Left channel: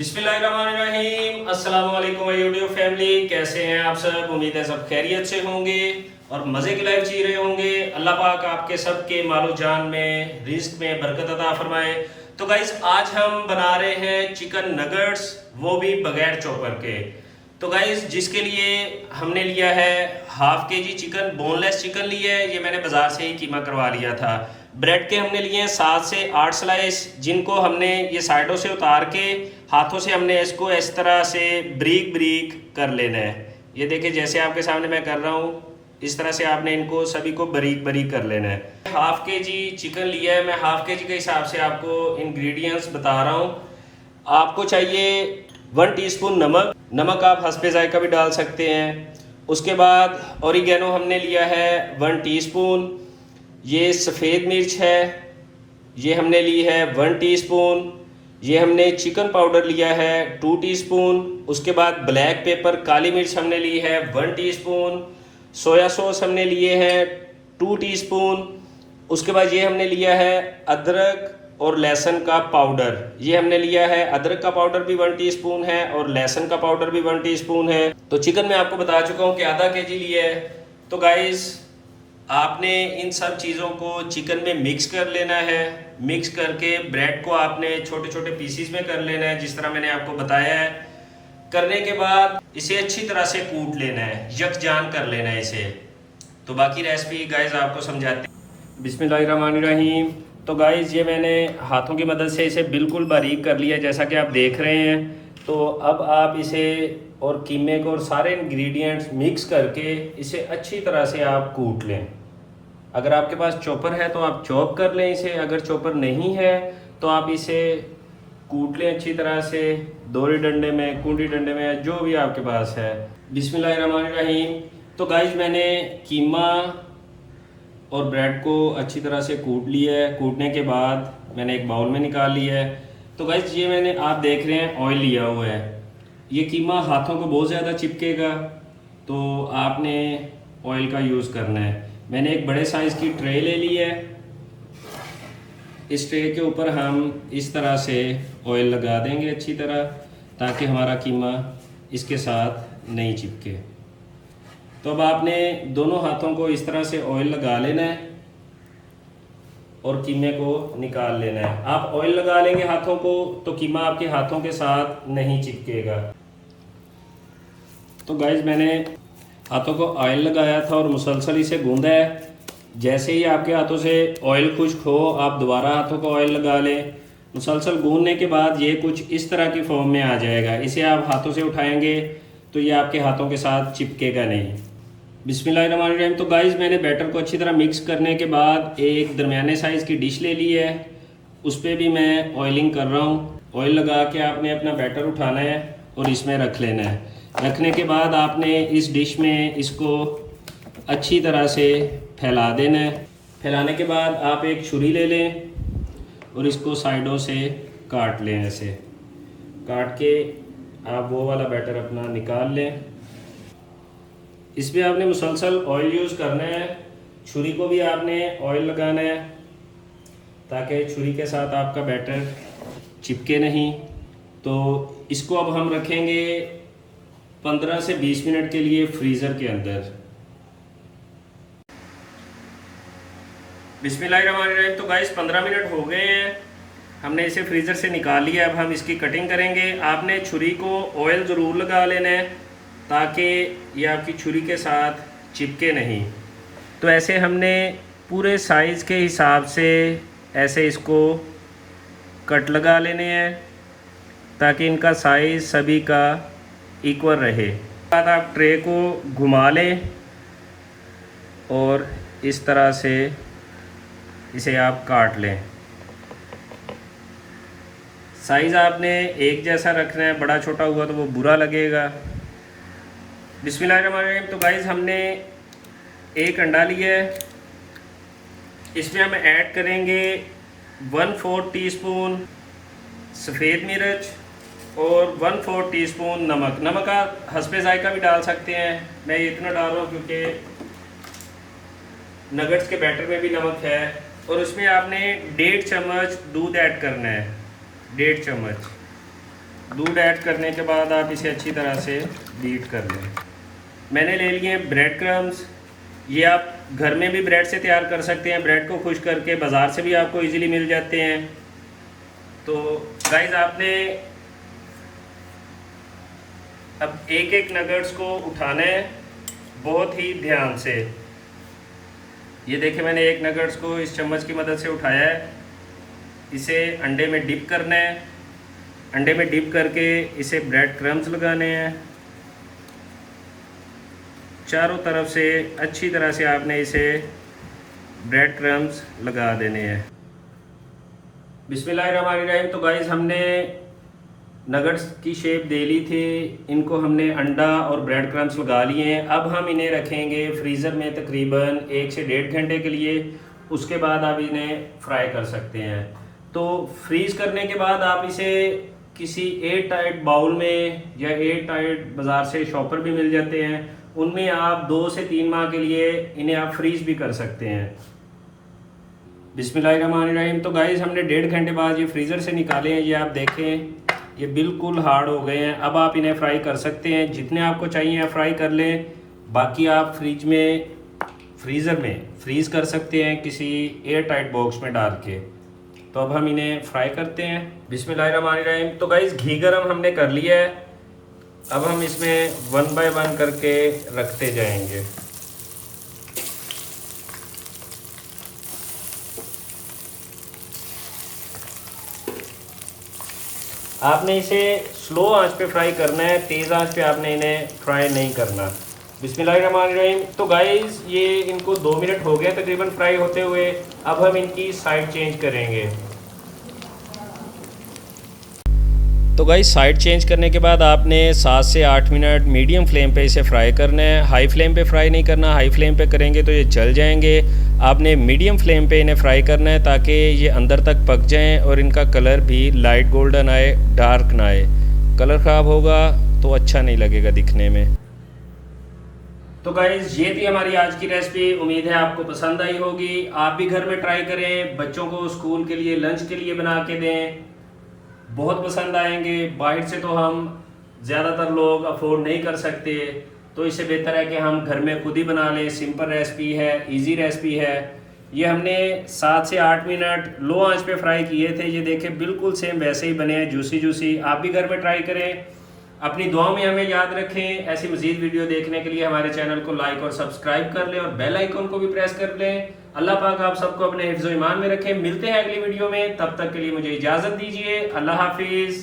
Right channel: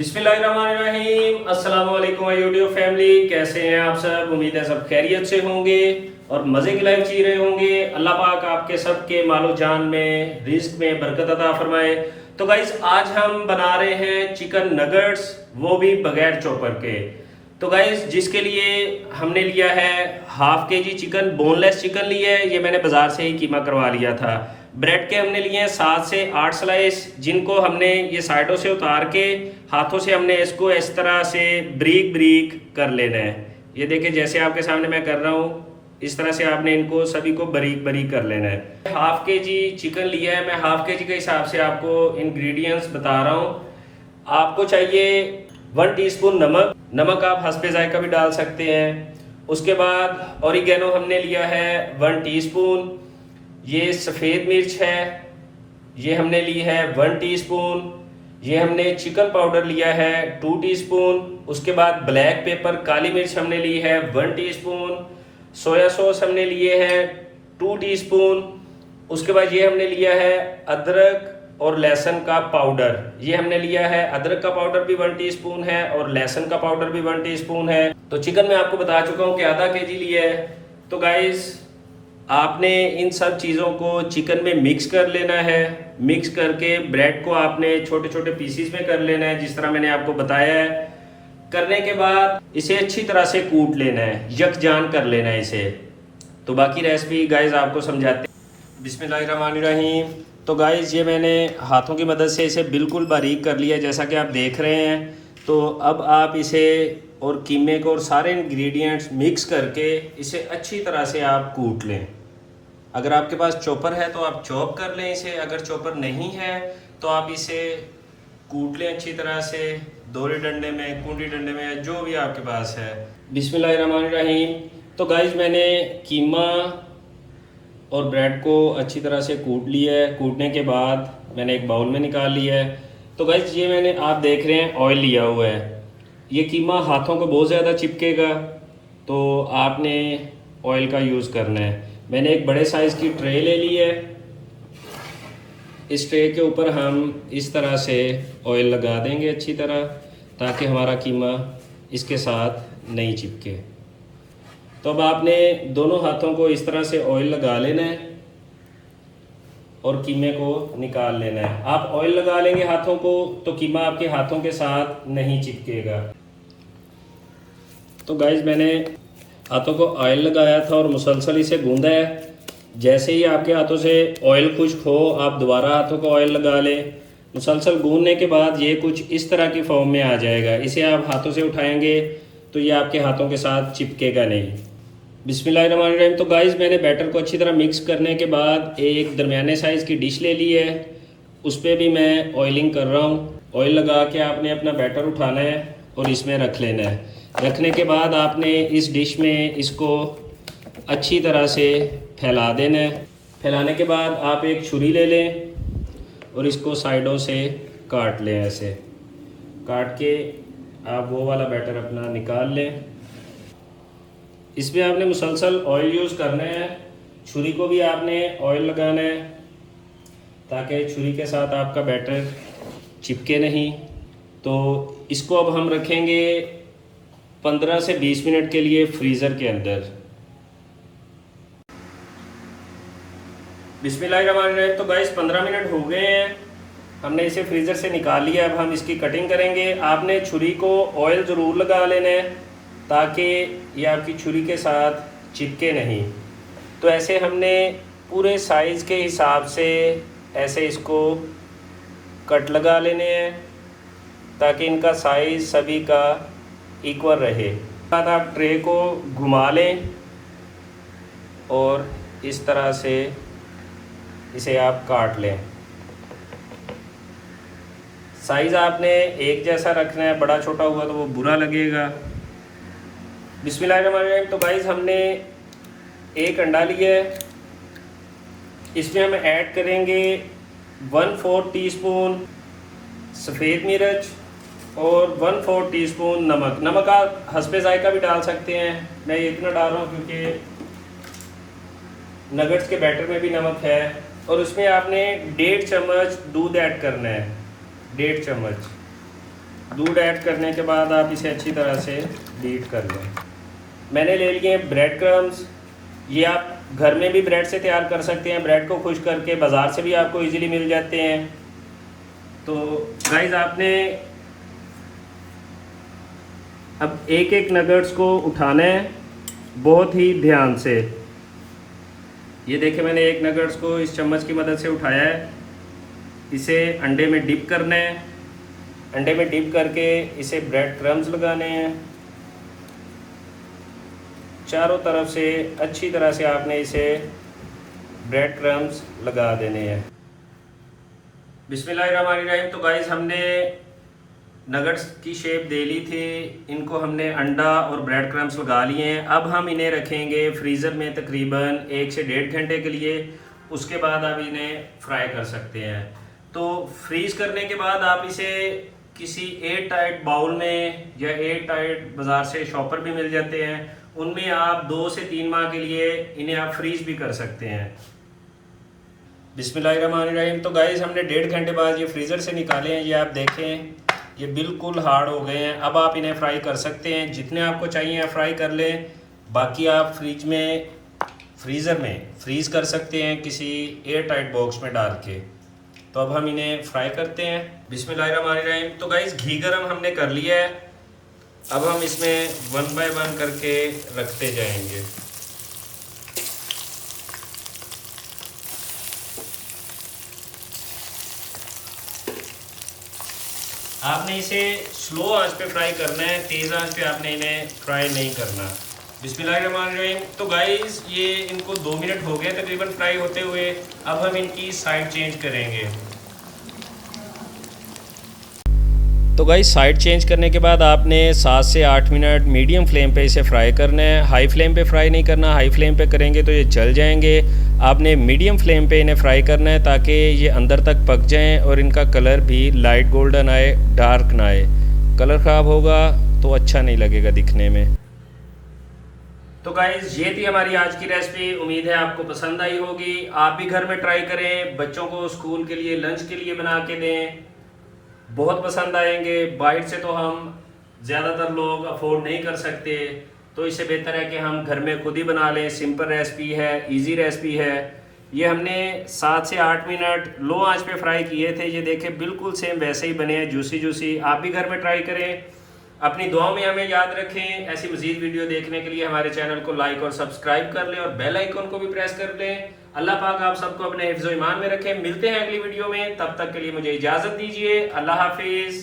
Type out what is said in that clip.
बिस्मिल्लाहिर्रहमानिर्रहीम। अस्सलाम वालेकुम यूट्यूब फैमिली, कैसे हैं आप सब। उम्मीद है सब खैरियत से होंगे और मज़े की लाइफ जी रहे होंगे। अल्लाह पाक आपके सबके मालो जान में रिस्क में बरकत अता फरमाए। तो गाइस आज हम बना रहे हैं चिकन नगेट्स, वो भी बगैर चॉपर के। तो गाइस जिसके लिए हमने लिया है half KG chicken, boneless chicken लिया है। ये मैंने बाज़ार से ही कीमा करवा लिया था। ब्रेड के हमने लिए हैं 7 से 8 स्लाइस, जिनको हमने ये साइडों से उतार के हाथों से हमने इसको इस तरह से ब्रीक ब्रीक कर लेना है। ये देखिए जैसे आपके सामने मैं कर रहा हूँ, इस तरह से आपने इनको सभी को बारीक बारीक कर लेना है। हाफ के जी चिकन लिया है, मैं हाफ के जी के हिसाब से आपको इंग्रेडिएंट्स बता रहा हूँ। आपको चाहिए 1 टीस्पून नमक, नमक आप हस्बे जायका भी डाल सकते हैं। उसके बाद ऑरिगेनो हमने लिया है 1 टीस्पून। ये सफ़ेद मिर्च है, ये हमने ली है 1 टीस्पून। ये हमने चिकन पाउडर लिया है 2 टीस्पून। उसके बाद ब्लैक पेपर काली मिर्च हमने ली है 1 टीस्पून। सोया सॉस हमने लिए हैं 2 टीस्पून। उसके बाद ये हमने लिया है अदरक और लहसुन का पाउडर, ये हमने लिया है। अदरक का पाउडर भी 1 टीस्पून है और लहसुन का पाउडर भी 1 टीस्पून है। तो चिकन मैं आपको बता चुका हूँ कि आधा केजी लिया है। तो गाइस आपने इन सब चीज़ों को चिकन में मिक्स कर लेना है। मिक्स करके ब्रेड को आपने छोटे छोटे पीसीस में कर लेना है, जिस तरह मैंने आपको बताया है। करने के बाद इसे अच्छी तरह से कूट लेना है, यकजान कर लेना है इसे। तो बाकी रेसिपी गाइस आपको समझाते हैं। बिस्मिल्लाहिर्रहमानिर्रहीम। तो गाइस ये मैंने हाथों की मदद से इसे बिल्कुल बारीक कर लिया, जैसा कि आप देख रहे हैं। तो अब आप इसे और कीमे को और सारे इंग्रेडिएंट्स मिक्स करके इसे अच्छी तरह से आप कूट लें। अगर आपके पास चॉपर है तो आप चॉप कर लें इसे, अगर चॉपर नहीं है तो आप इसे कूट लें अच्छी तरह से, दोरी डंडे में, कुंडी डंडे में, जो भी आपके पास है। बिस्मिल्लाहिर्रहमानिर्रहीम। तो गाइस मैंने कीमा और ब्रेड को अच्छी तरह से कूट लिया है। कूटने के बाद मैंने एक बाउल में निकाल लिया है। तो गाइस ये मैंने, आप देख रहे हैं, ऑयल लिया हुआ है। ये कीमा हाथों को बहुत ज़्यादा चिपकेगा, तो आपने ऑयल का यूज़ करना है। मैंने एक बड़े साइज़ की ट्रे ले ली है। इस ट्रे के ऊपर हम इस तरह से ऑयल लगा देंगे अच्छी तरह, ताकि हमारा कीमा इसके साथ नहीं चिपके। तो अब आपने दोनों हाथों को इस तरह से ऑयल लगा लेना है और कीमे को निकाल लेना है। आप ऑयल लगा लेंगे हाथों को तो कीमा आपके हाथों के साथ नहीं चिपकेगा। तो गाइस मैंने हाथों को ऑयल लगाया था और मुसलसल इसे गूंदा है। जैसे ही आपके हाथों से ऑयल खुश्क हो, आप दोबारा हाथों को ऑयल लगा लें। मुसलसल गूंदने के बाद ये कुछ इस तरह की फॉर्म में आ जाएगा। इसे आप हाथों से उठाएंगे तो ये आपके हाथों के साथ चिपकेगा नहीं। बिस्मिल्लाहिर्रहमानिर्रहीम। तो गाइस मैंने बैटर को अच्छी तरह मिक्स करने के बाद एक दरमियाने साइज़ की डिश ले ली है। उस पर भी मैं ऑयलिंग कर रहा हूँ। ऑयल लगा के आपने अपना बैटर उठाना है और इसमें रख लेना है। रखने के बाद आपने इस डिश में इसको अच्छी तरह से फैला देना है। फैलाने के बाद आप एक छुरी ले लें और इसको साइडों से काट लें। ऐसे काट के आप वो वाला बैटर अपना निकाल लें। इसमें आपने मुसलसल ऑयल यूज़ करना है। छुरी को भी आपने ऑयल लगाना है ताकि छुरी के साथ आपका बैटर चिपके नहीं। तो इसको अब हम रखेंगे 15 से 20 मिनट के लिए फ्रीज़र के अंदर। बिस्मिल्लाहिर्रहमानिर्रहीम। तो गाइस 15 मिनट हो गए हैं, हमने इसे फ्रीज़र से निकाल लिया। अब हम इसकी कटिंग करेंगे। आपने छुरी को ऑयल ज़रूर लगा लेना है ताकि ये आपकी छुरी के साथ चिपके नहीं। तो ऐसे हमने पूरे साइज़ के हिसाब से ऐसे इसको कट लगा लेने हैं ताकि इनका साइज़ सभी का इक्वल रहे। बाद आप ट्रे को घुमा लें और इस तरह से इसे आप काट लें। साइज़ आपने एक जैसा रखना है, बड़ा छोटा हुआ तो वो बुरा लगेगा। बिस्मिल्लाहिर्रहमानिर्रहीम। तो गाइस हमने एक अंडा लिया है। इसमें हम ऐड करेंगे 1/4 टीस्पून सफ़ेद मिर्च और 1/4 टीस्पून नमक। नमक आप हस्बे जायका भी डाल सकते हैं, मैं ये इतना डाल रहा हूँ क्योंकि नगेट्स के बैटर में भी नमक है। और उसमें आपने 1.5 चम्मच दूध ऐड करना है, 1.5 चम्मच। दूध ऐड करने के बाद आप इसे अच्छी तरह से बीट कर लें। मैंने ले लिए ब्रेड क्रम्स। ये आप घर में भी ब्रेड से तैयार कर सकते हैं, ब्रेड को खुश करके बाज़ार से भी आपको इजीली मिल जाते हैं। तो गाइस आपने अब एक एक नगेट्स को उठाना है बहुत ही ध्यान से। ये देखिए मैंने एक नगेट्स को इस चम्मच की मदद से उठाया है। इसे अंडे में डिप करना है। अंडे में डिप करके इसे ब्रेड क्रम्स लगाने हैं। चारों तरफ से अच्छी तरह से आपने इसे ब्रेड क्रम्स लगा देने हैं। बिस्मिल्लाहिर्रहमानिर्रहीम। तो गाइस हमने नगट्स की शेप दे ली थी, इनको हमने अंडा और ब्रेड क्रम्स लगा लिए हैं। अब हम इन्हें रखेंगे फ्रीज़र में तकरीबन 1 से 1.5 घंटे के लिए। उसके बाद आप इन्हें फ्राई कर सकते हैं। तो फ्रीज़ करने के बाद आप इसे किसी एयर टाइट बाउल में या एयर टाइट बाज़ार से शॉपर भी मिल जाते हैं, उनमें आप 2 से 3 माह के लिए इन्हें आप फ्रीज़ भी कर सकते हैं। बिस्मिल्लाहिर्रहमानिर्रहीम। तो गाइस हमने 1.5 घंटे बाद ये फ्रीज़र से निकाले हैं। ये आप देखें ये बिल्कुल हार्ड हो गए हैं। अब आप इन्हें फ्राई कर सकते हैं, जितने आपको चाहिए आप फ्राई कर लें। बाकी आप फ्रीज़र में फ्रीज़ कर सकते हैं किसी एयर टाइट बॉक्स में डाल के। तो अब हम इन्हें फ्राई करते हैं। बिस्मिल्लाहिर्रहमानिर्रहीम। तो गाइस घी गरम हमने कर लिया है। अब हम इसमें 1 बाय 1 करके रखते जाएंगे। आपने इसे स्लो आंच पे फ्राई करना है, तेज़ आंच पे आपने इन्हें फ्राई नहीं करना। बिस्मिल्लाहिर्रहमानिर्रहीम। तो गाइस ये इनको 2 मिनट हो गए तकरीबन फ्राई होते हुए। अब हम इनकी साइड चेंज करेंगे। तो गाइस साइड चेंज करने के बाद आपने 7 से 8 मिनट मीडियम फ्लेम पे इसे फ्राई करना है। हाई फ्लेम पे फ्राई नहीं करना, हाई फ्लेम पे करेंगे तो ये जल जाएंगे। आपने मीडियम फ्लेम पे इन्हें फ्राई करना है ताकि ये अंदर तक पक जाएं और इनका कलर भी लाइट गोल्डन आए, डार्क ना आए। कलर ख़राब होगा तो अच्छा नहीं लगेगा दिखने में। तो गाइस ये थी हमारी आज की रेसिपी। उम्मीद है आपको पसंद आई होगी। आप भी घर में ट्राई करें, बच्चों को स्कूल के लिए लंच के लिए बना के दें, बहुत पसंद आएंगे। बाहर से तो हम ज़्यादातर लोग अफोर्ड नहीं कर सकते, तो इससे बेहतर है कि हम घर में खुद ही बना लें। सिंपल रेसिपी है, इजी रेसिपी है। ये हमने 7 से 8 मिनट लो आंच पे फ्राई किए थे। ये देखें बिल्कुल सेम वैसे ही बने हैं, जूसी जूसी। आप भी घर में ट्राई करें। अपनी दुआओं में हमें याद रखें। ऐसी मज़ीद वीडियो देखने के लिए हमारे चैनल को लाइक और सब्सक्राइब कर लें और बेल आइकन को भी प्रेस कर लें। अल्लाह पाक आप सबको अपने हिफ्ज़-ओ-ईमान में रखें। मिलते हैं अगली वीडियो में, तब तक के लिए मुझे इजाज़त दीजिए। अल्लाह हाफिज़।